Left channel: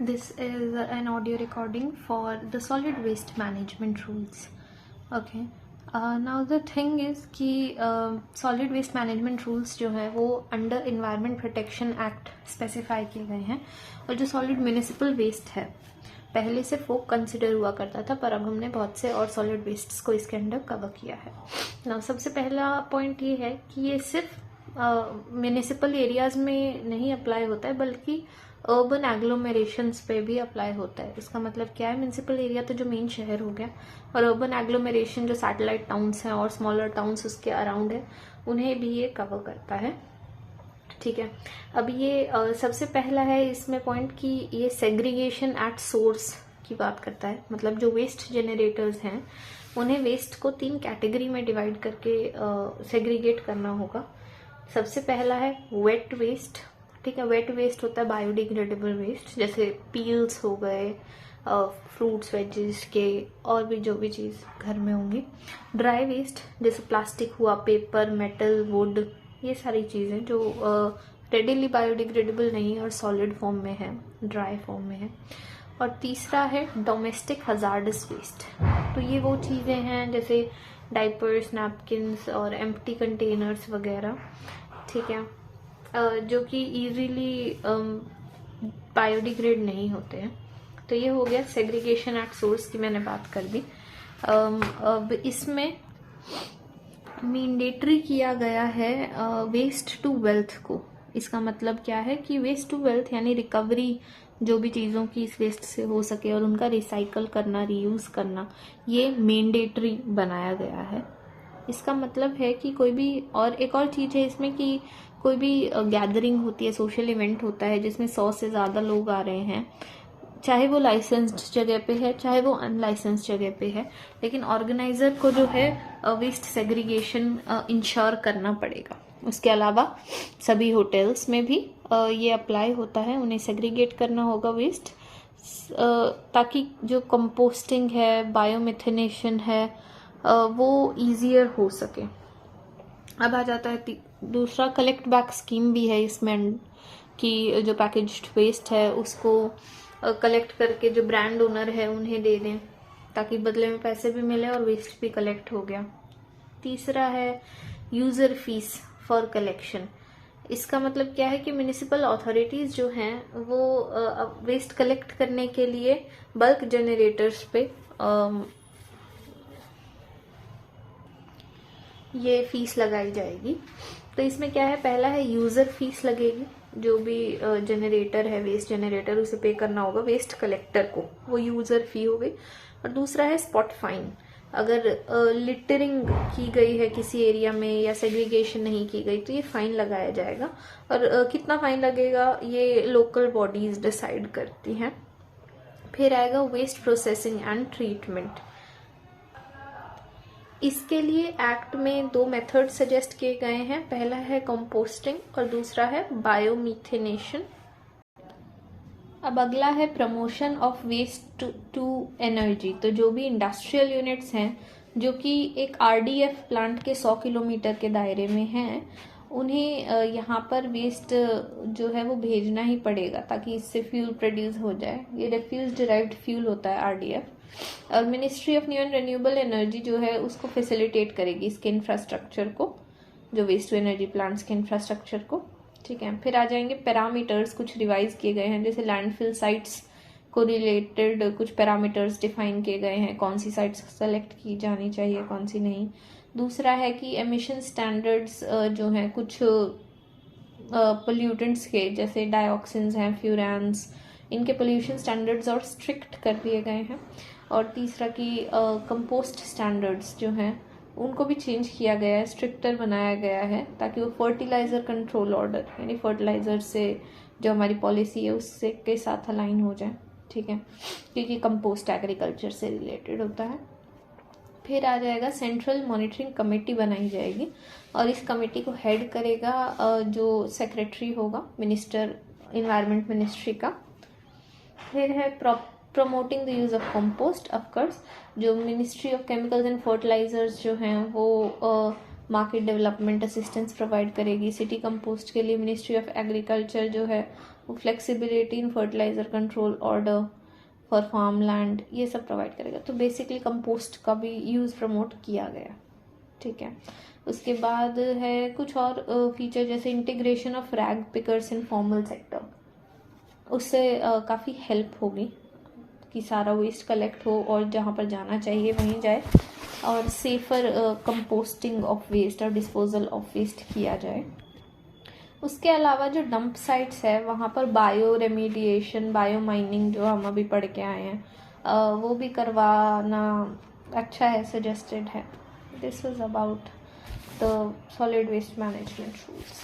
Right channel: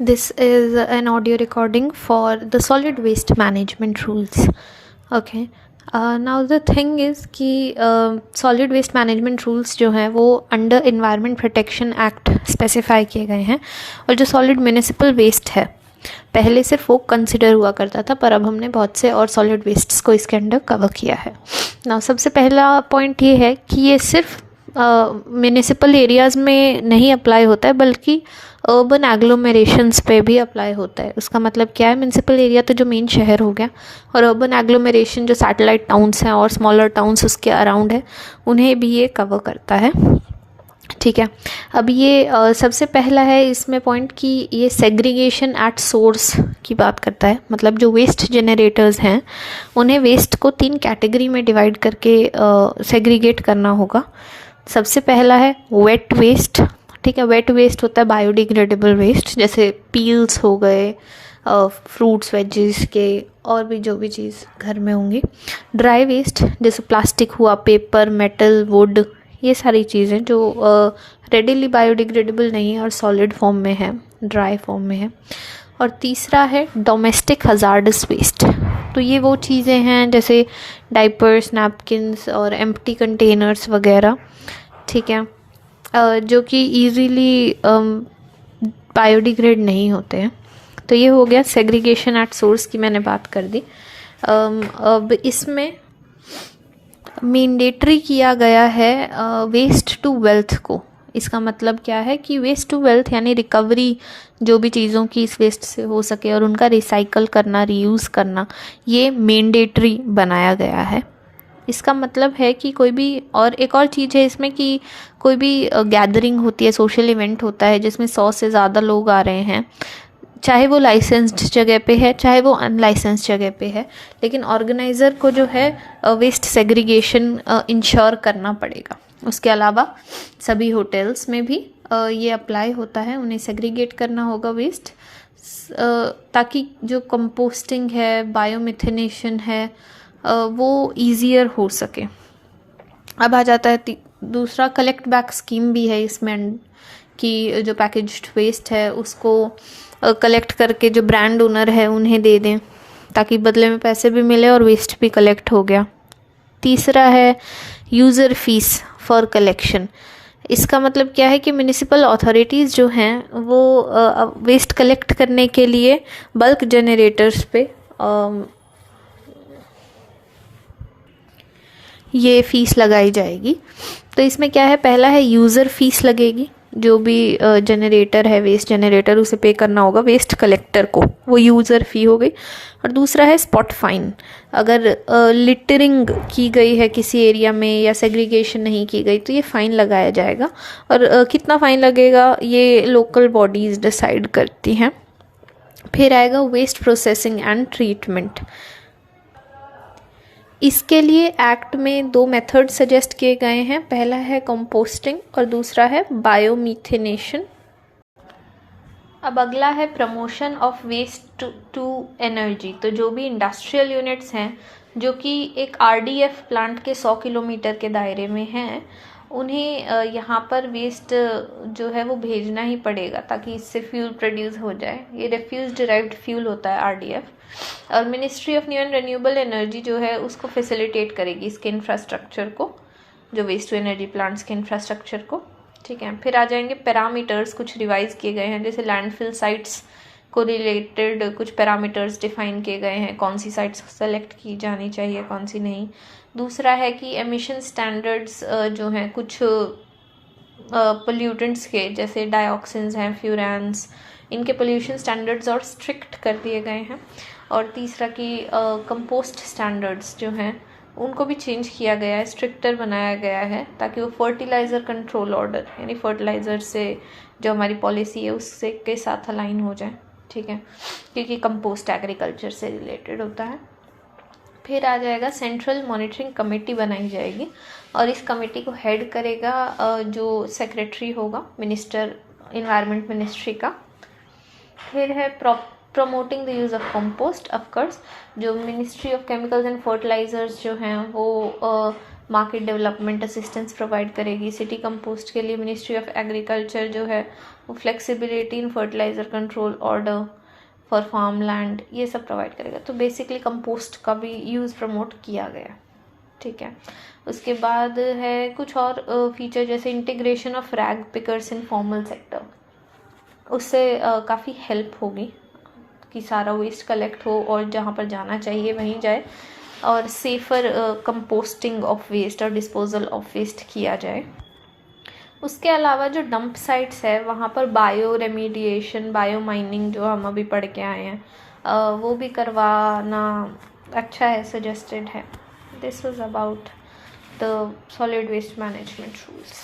This is an audio recording for the solid waste management rules. Okay. Now the thing is कि solid waste management rules जो हैं वो under environment protection act specify किए गए हैं। और जो सॉलिड म्यूनिसिपल वेस्ट है पहले सिर्फ वो कंसिडर हुआ करता था, पर अब हमने बहुत से और सॉलिड वेस्ट्स को इसके अंडर कवर किया है। ना सबसे पहला पॉइंट ये है कि ये सिर्फ म्यूनिसिपल एरियाज़ में नहीं अप्लाई होता है बल्कि अर्बन एग्लोमेरेशंस पे भी अप्लाई होता है। उसका मतलब क्या है, म्यूनिसिपल एरिया तो जो मेन शहर हो गया, और अर्बन एग्लोमेरेशन जो सैटेलाइट टाउन्स हैं और स्मॉलर टाउन्स उसके अराउंड है, उन्हें भी ये कवर करता है। ठीक है। अब ये सबसे पहला है इसमें पॉइंट कि ये सेग्रीगेशन एट सोर्स की बात करता है। मतलब जो वेस्ट जनरेटर्स हैं उन्हें वेस्ट को 3 कैटेगरी में डिवाइड करके सेग्रीगेट करना होगा। सबसे पहला है वेट वेस्ट। ठीक है, वेट वेस्ट होता है बायोडिग्रेडेबल वेस्ट, जैसे पील्स हो गए, फ्रूट्स वेजेस के, और भी जो भी चीज़ घर में होंगी। ड्राई वेस्ट जैसे प्लास्टिक हुआ, पेपर, मेटल, वुड, ये सारी चीज़ें जो रेडिली बायोडिग्रेडेबल नहीं है और सॉलिड फॉर्म में है, ड्राई फॉर्म में है। और तीसरा है डोमेस्टिक हजार्डस वेस्ट। तो ये वो चीज़ें हैं जैसे डाइपर्स, नैपकिन्स और एम्प्टी कंटेनर्स वगैरह। ठीक है, जो कि ईजीली बायोडिग्रेड नहीं होते हैं। तो ये हो गया सेग्रीगेशन एट सोर्स की, मैंने बात कर दी। अब इसमें मैंडेटरी किया गया है वेस्ट टू वेल्थ को। इसका मतलब क्या है कि वेस्ट टू वेल्थ यानी रिकवरी जो भी चीज़ों की इस वेस्ट से हो सके और उनका रिसाइकल करना, रीयूज़ करना, ये मैंडेटरी बनाया गया है। इसका मतलब है कि कोई भी, और एक और चीज़ है इसमें कि कोई भी गैदरिंग होती है, सोशल इवेंट होता है जिसमें 100 से ज़्यादा लोग आ रहे हैं, चाहे वो लाइसेंस्ड जगह पे है चाहे वो अनलाइसेंस्ड जगह पे है, लेकिन ऑर्गेनाइज़र को जो है वेस्ट सेग्रीगेशन इंश्योर करना पड़ेगा। उसके अलावा सभी होटल्स में भी ये अप्लाई होता है, उन्हें सेग्रीगेट करना होगा वेस्ट, ताकि जो कंपोस्टिंग है, बायोमिथेनेशन है, वो ईजियर हो सके। अब आ जाता है दूसरा, कलेक्ट बैक स्कीम भी है इसमें, कि जो पैकेज्ड वेस्ट है उसको कलेक्ट करके जो ब्रांड ओनर है उन्हें दे दें, ताकि बदले में पैसे भी मिले और वेस्ट भी कलेक्ट हो गया। तीसरा है यूज़र फीस फॉर कलेक्शन। इसका मतलब क्या है कि म्यूनिसिपल अथॉरिटीज़ जो हैं वो वेस्ट कलेक्ट करने के लिए बल्क जनरेटर्स पे ये फ़ीस लगाई जाएगी। तो इसमें क्या है, पहला है यूज़र फीस लगेगी, जो भी जनरेटर है, वेस्ट जनरेटर, उसे पे करना होगा वेस्ट कलेक्टर को, वो यूज़र फ़ी हो गई। और दूसरा है स्पॉट फाइन। अगर लिटरिंग की गई है किसी एरिया में या सेग्रीगेशन नहीं की गई तो ये फ़ाइन लगाया जाएगा, और कितना फ़ाइन लगेगा ये लोकल बॉडीज़ डिसाइड करती हैं। फिर आएगा वेस्ट प्रोसेसिंग एंड ट्रीटमेंट। इसके लिए एक्ट में 2 मेथड सजेस्ट किए गए हैं। पहला है कंपोस्टिंग और दूसरा है बायोमिथेनेशन। अब अगला है promotion of waste to energy. तो जो भी इंडस्ट्रियल यूनिट्स हैं जो कि एक आरडीएफ प्लांट के 100 किलोमीटर के दायरे में हैं, उन्हें यहाँ पर वेस्ट जो है वो भेजना ही पड़ेगा ताकि इससे फ्यूल प्रोड्यूस हो जाए। ये रिफ्यूज डिराइव्ड फ्यूल होता है आरडीएफ। और ministry of new and renewable energy जो है उसको फैसिलिटेट करेगी इसके इंफ्रास्ट्रक्चर को, जो वेस्ट टू एनर्जी प्लांट्स के इंफ्रास्ट्रक्चर को। ठीक है, फिर आ जाएंगे पैरामीटर्स, कुछ रिवाइज किए गए हैं, जैसे लैंडफिल साइट्स को रिलेटेड कुछ पैरामीटर्स डिफाइन किए गए हैं, कौन सी साइट्स सेलेक्ट की जानी चाहिए, कौन सी नहीं। दूसरा है कि एमिशन स्टैंडर्ड्स जो हैं कुछ पोल्यूटेंट्स के, जैसे डाइऑक्सिन्स हैं, फ्यूरान्स, इनके पोल्यूशन स्टैंडर्ड्स और स्ट्रिक्ट कर दिए गए हैं। और तीसरा कि कंपोस्ट स्टैंडर्ड्स जो हैं उनको भी चेंज किया गया है, स्ट्रिक्टर बनाया गया है, ताकि वो फर्टिलाइज़र कंट्रोल ऑर्डर यानी फर्टिलाइज़र से जो हमारी पॉलिसी है उससे के साथ अलाइन हो जाए। ठीक है, क्योंकि कंपोस्ट एग्रीकल्चर से रिलेटेड होता है। फिर आ जाएगा सेंट्रल मॉनिटरिंग कमेटी बनाई जाएगी, और इस कमेटी को हेड करेगा जो सेक्रेटरी होगा मिनिस्टर, इन्वायरमेंट मिनिस्ट्री का। फिर है promoting the use of compost. Of course जो ministry of chemicals and fertilizers जो हैं वो मार्केट डेवलपमेंट असिस्टेंस प्रोवाइड करेगी। सिटी कंपोस्ट के लिए मिनिस्ट्री ऑफ एग्रीकल्चर जो है वो flexibility in fertilizer control order for farm land, ये सब प्रोवाइड करेगा। तो बेसिकली कंपोस्ट का भी यूज़ प्रमोट किया गया, ठीक है। उसके बाद है कुछ और फीचर, जैसे integration of rag pickers in formal sector, उससे काफ़ी हेल्प होगी कि सारा वेस्ट कलेक्ट हो और जहाँ पर जाना चाहिए वहीं जाए, और सेफ़र कंपोस्टिंग ऑफ वेस्ट और डिस्पोजल ऑफ वेस्ट किया जाए। उसके अलावा जो डंप साइट्स है वहाँ पर बायो रेमीडिएशन, बायो माइनिंग जो हम अभी पढ़ के आए हैं वो भी करवाना अच्छा है, सजेस्टेड है। This was about the solid waste management rules.